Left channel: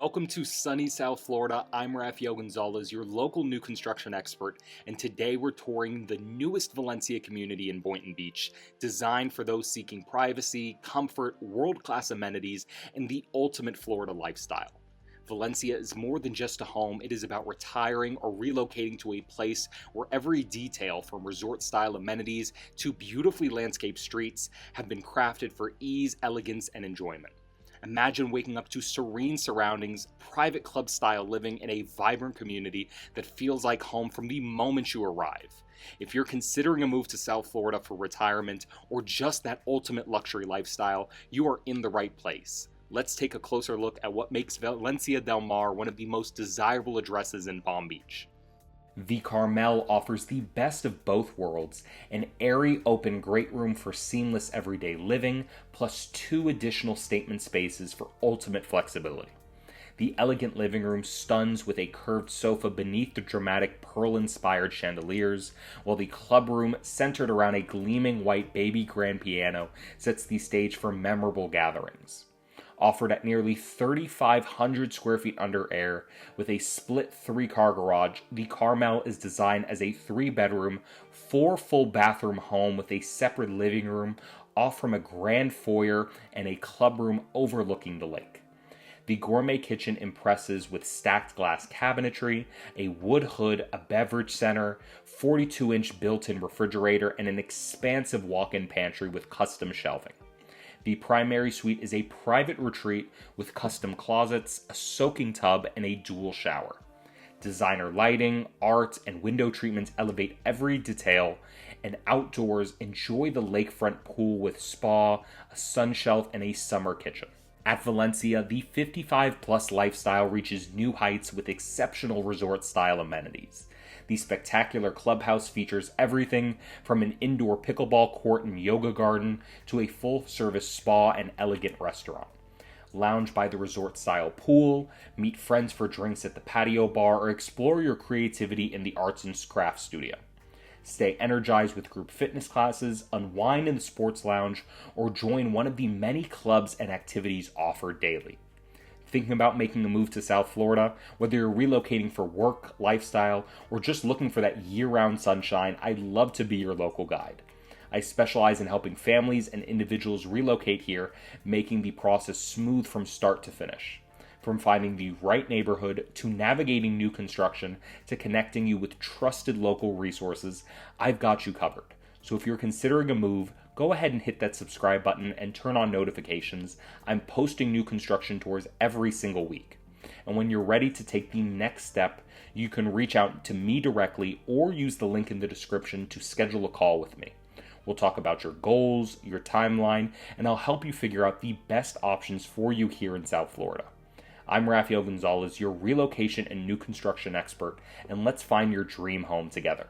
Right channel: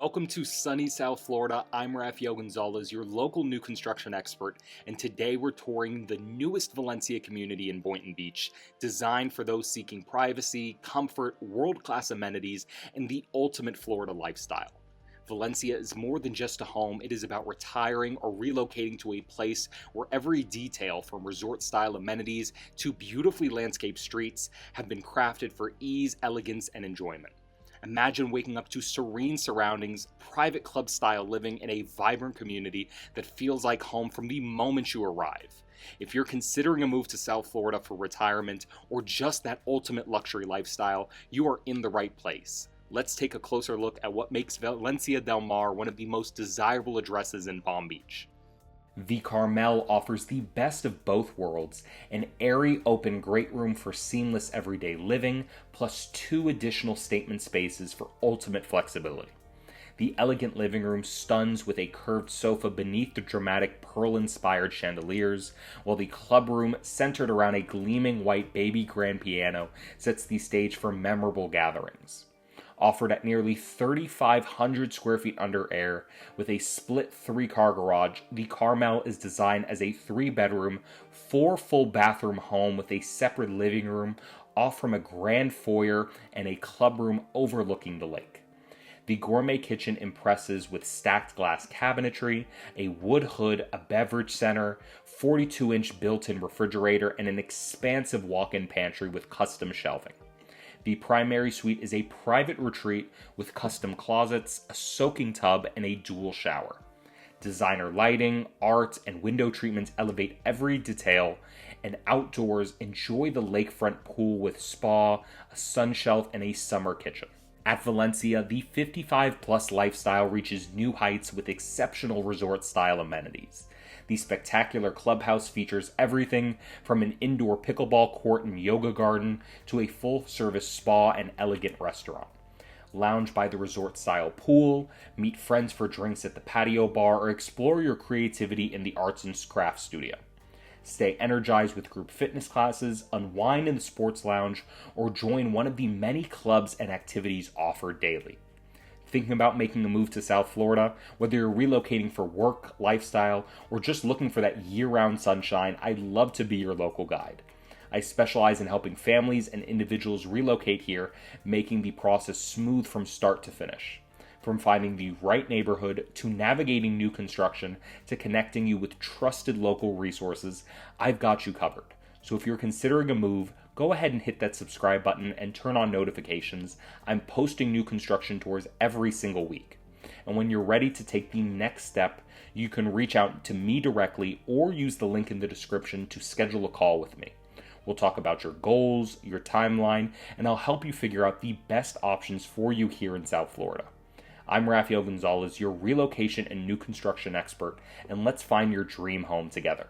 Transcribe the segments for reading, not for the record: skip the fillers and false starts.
Welcome to sunny South Florida. I'm Raphael Gonzalez, your local new construction expert, and today we're touring the newest Valencia community in Boynton Beach, designed for those seeking privacy, comfort, world-class amenities, and the ultimate Florida lifestyle. Valencia is more than just a home. It is about retiring or relocating to a place where every detail, from resort-style amenities to beautifully landscaped streets, have been crafted for ease, elegance, and enjoyment. Imagine waking up to serene surroundings, private club-style living in a vibrant community that feels like home from the moment you arrive. If you're considering a move to South Florida for retirement or just that ultimate luxury lifestyle, you are in the right place. Let's take a closer look at what makes Valencia del Mar one of the most desirable addresses in Palm Beach. The Carmel offers the best of both worlds, an airy, open great room for seamless everyday living, plus 2 additional statement spaces for ultimate flexibility. The elegant living room stuns with a curved sofa beneath the dramatic pearl-inspired chandeliers, while the club room, centered around a gleaming white baby grand piano, sets the stage for memorable gatherings. Offered at nearly 3,500 square feet under air, with a split 3-car garage, the Carmel is designed as a 3-bedroom, 4 full bathroom home with a separate living room off from a grand foyer and a club room overlooking the lake. The gourmet kitchen impresses with stacked glass cabinetry, a wood hood, a beverage center, 42-inch built-in refrigerator, and an expansive walk-in pantry with custom shelving. The primary suite is a private retreat with custom closets, a soaking tub, and a dual shower. Designer lighting, art, and window treatments elevate every detail, and outdoors, enjoy the lakefront pool with spa, a sun shelf, and a summer kitchen. At Valencia, the 55-plus lifestyle reaches new heights with exceptional resort-style amenities. The spectacular clubhouse features everything from an indoor pickleball court and yoga garden to a full-service spa and elegant restaurant. Lounge by the resort-style pool, meet friends for drinks at the patio bar, or explore your creativity in the arts and crafts studio. Stay energized with group fitness classes, unwind in the sports lounge, or join one of the many clubs and activities offered daily. Thinking about making a move to South Florida, whether you're relocating for work, lifestyle, or just looking for that year-round sunshine, I'd love to be your local guide. I specialize in helping families and individuals relocate here, making the process smooth from start to finish. From finding the right neighborhood, to navigating new construction, to connecting you with trusted local resources, I've got you covered. So if you're considering a move, go ahead and hit that subscribe button and turn on notifications. I'm posting new construction tours every single week. And when you're ready to take the next step, you can reach out to me directly or use the link in the description to schedule a call with me. We'll talk about your goals, your timeline, and I'll help you figure out the best options for you here in South Florida. I'm Raphael Gonzalez, your relocation and new construction expert, and let's find your dream home together.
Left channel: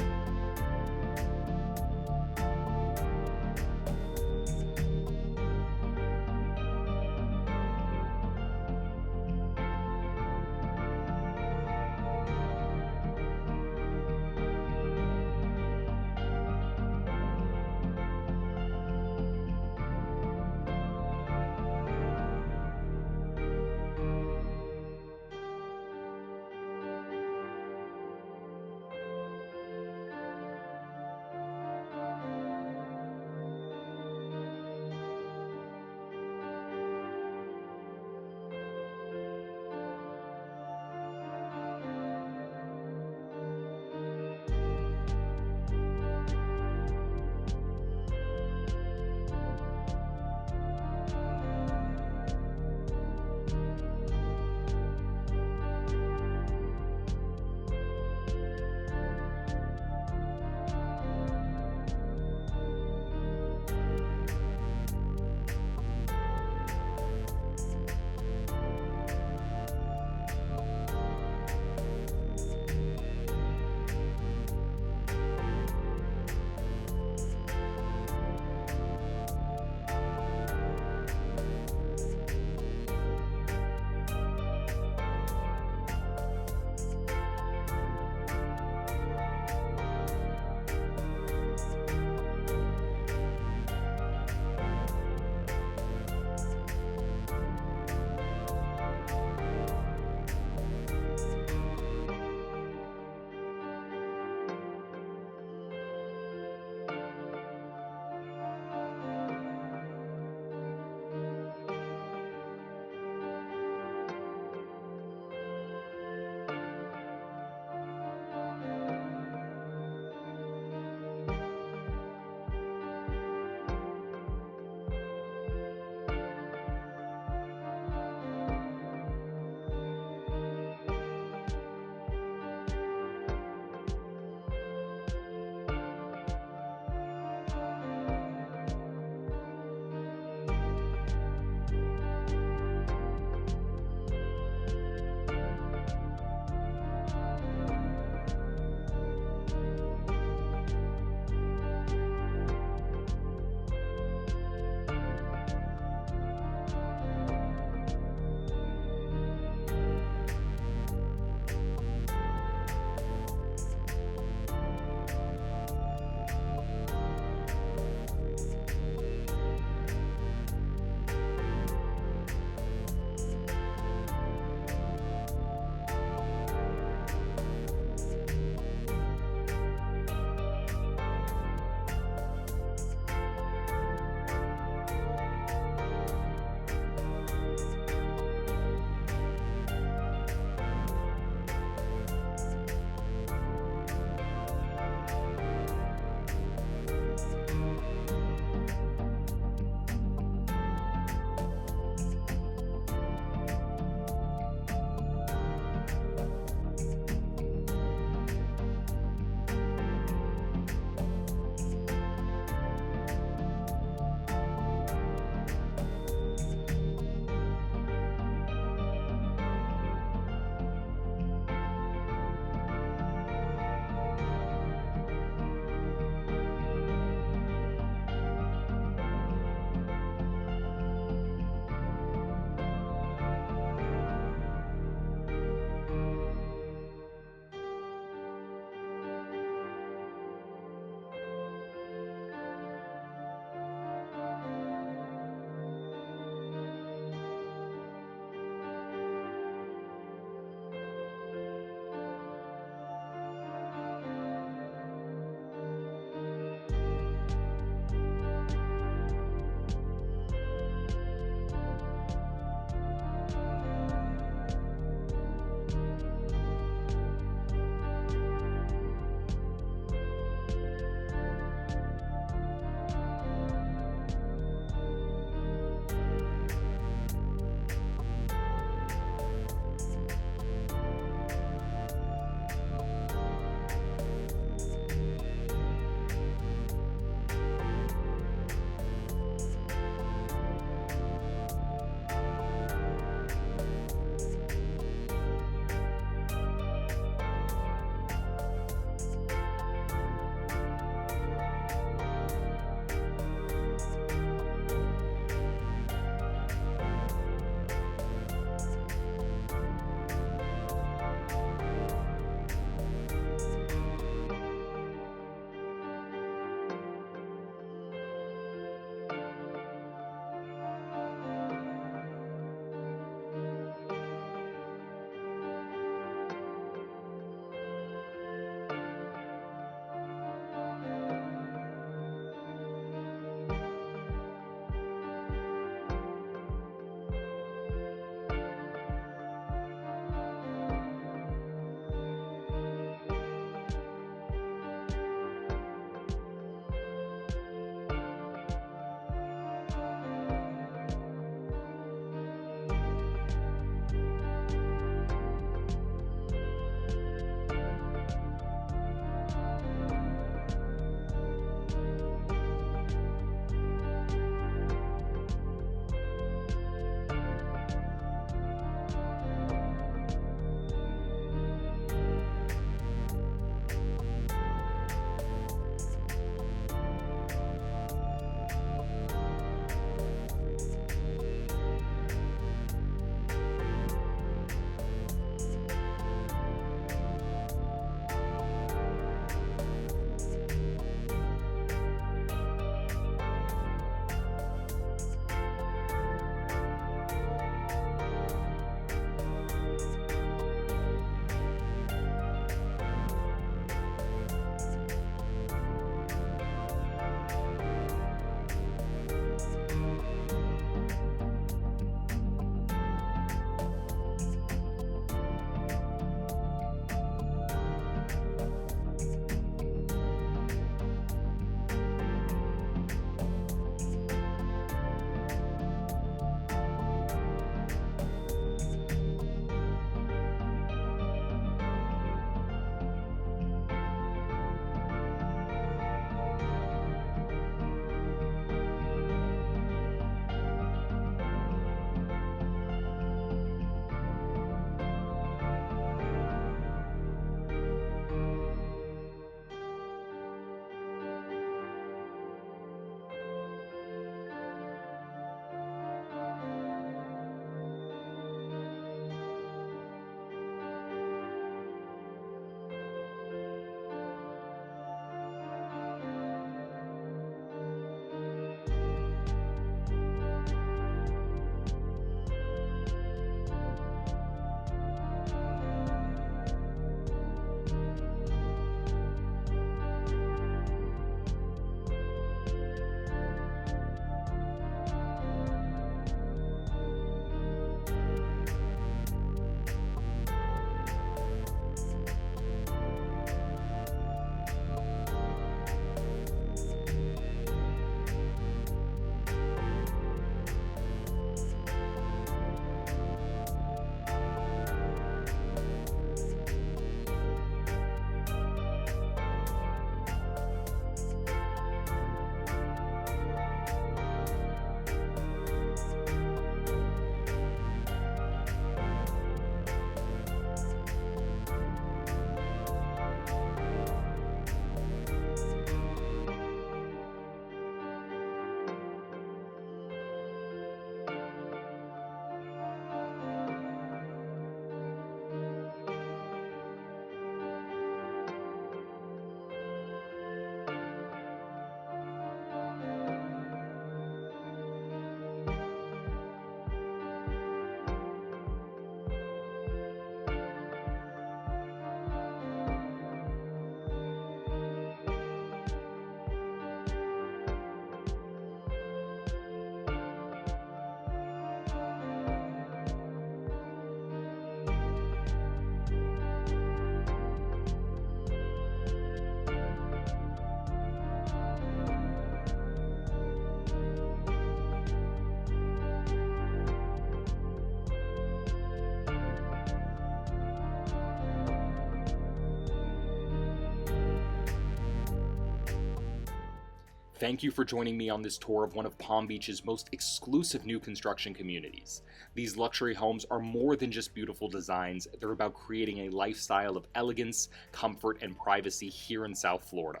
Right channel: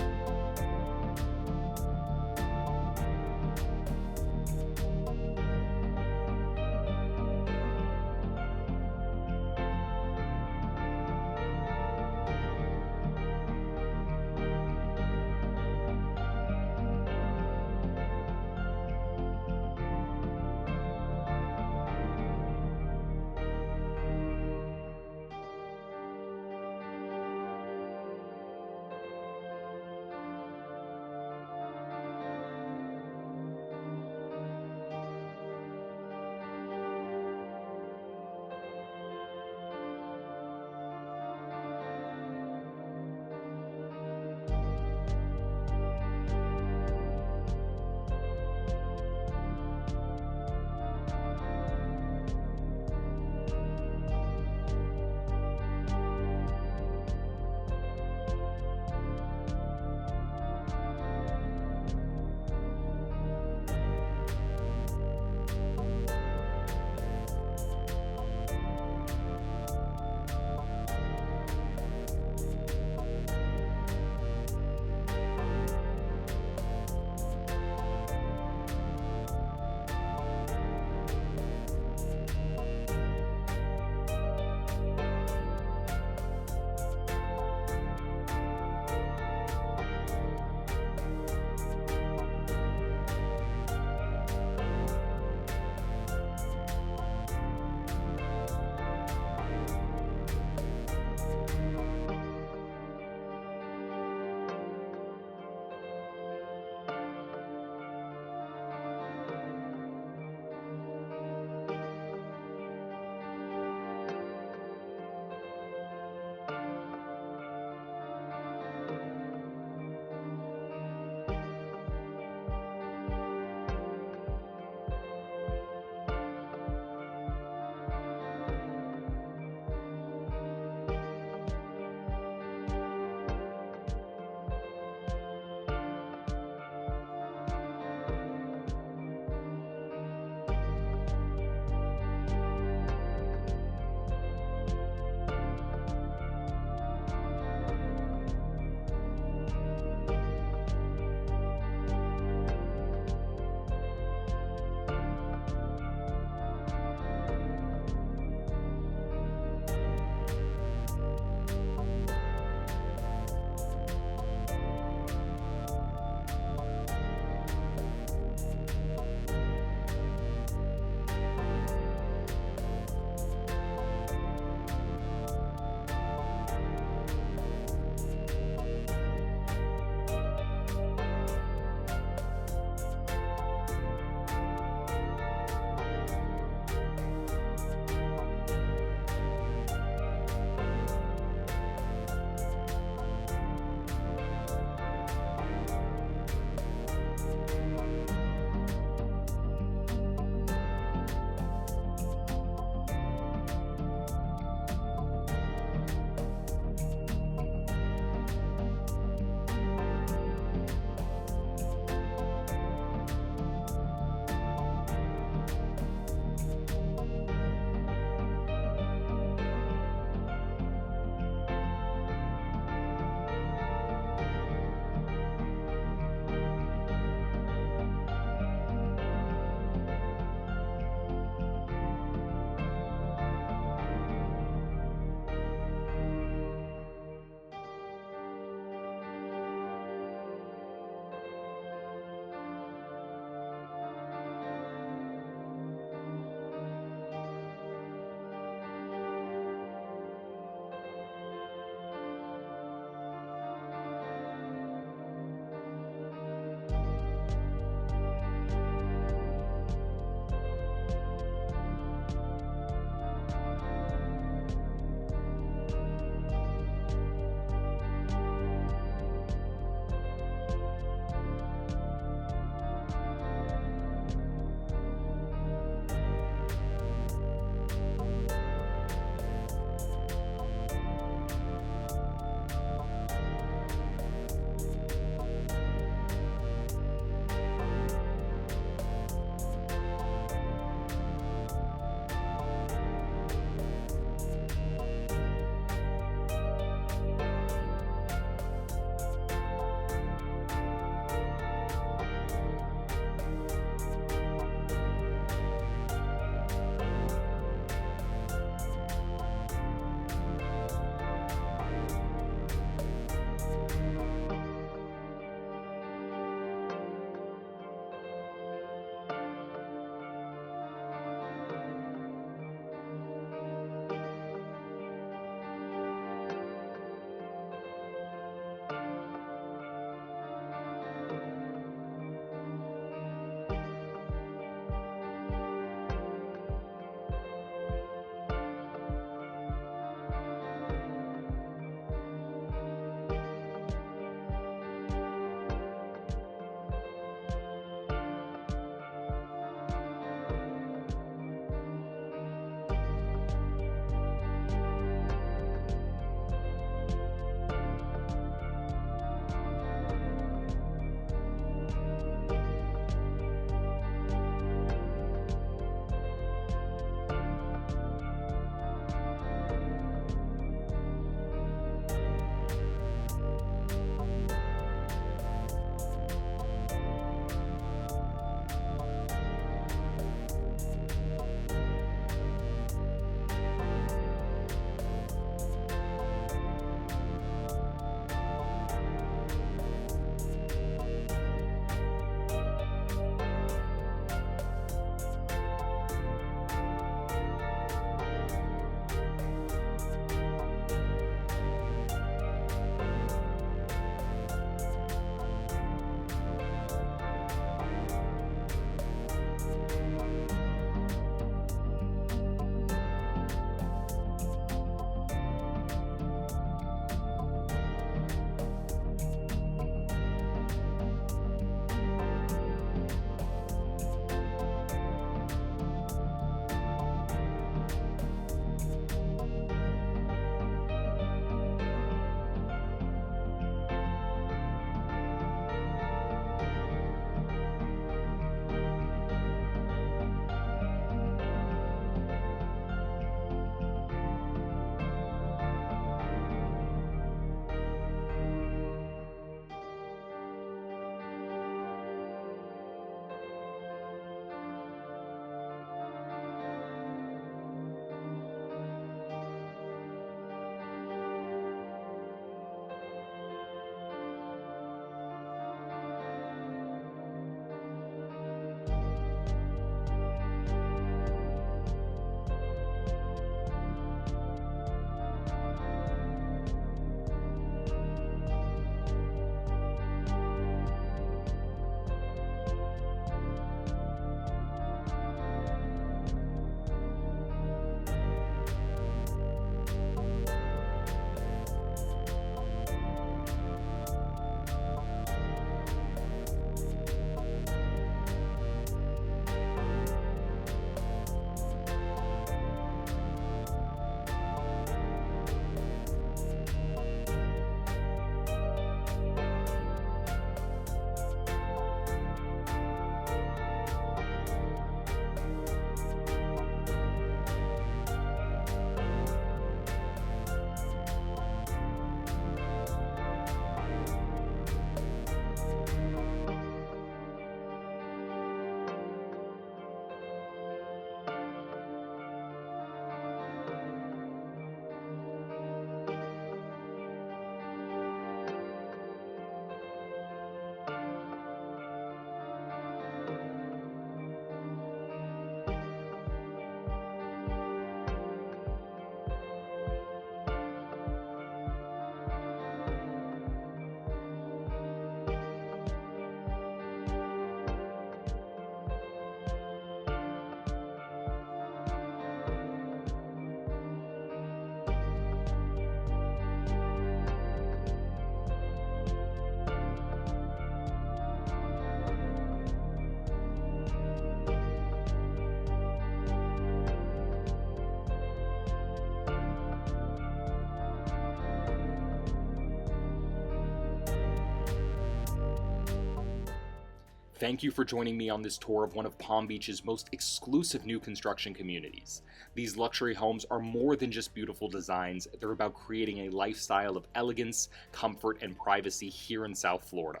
Thank you for joining me on this tour of one of Palm Beach's most exclusive new construction communities. These luxury homes are more than just beautiful designs, they're about creating a lifestyle of elegance, comfort, and privacy here in South Florida.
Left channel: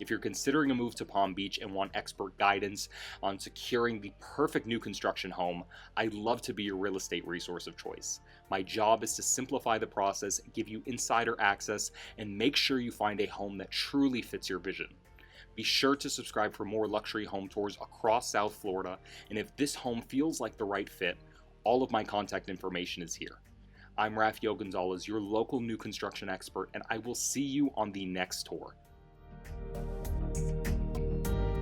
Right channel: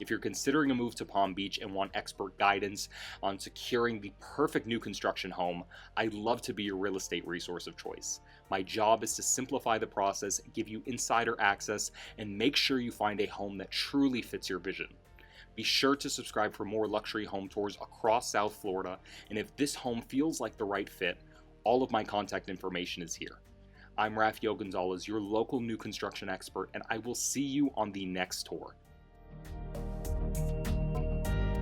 If you're considering a move to Palm Beach and want expert guidance on securing the perfect new construction home, I'd love to be your real estate resource of choice. My job is to simplify the process, give you insider access, and make sure you find a home that truly fits your vision. Be sure to subscribe for more luxury home tours across South Florida, and if this home feels like the right fit, all of my contact information is here. I'm Raphael Gonzalez, your local new construction expert, and I will see you on the next tour.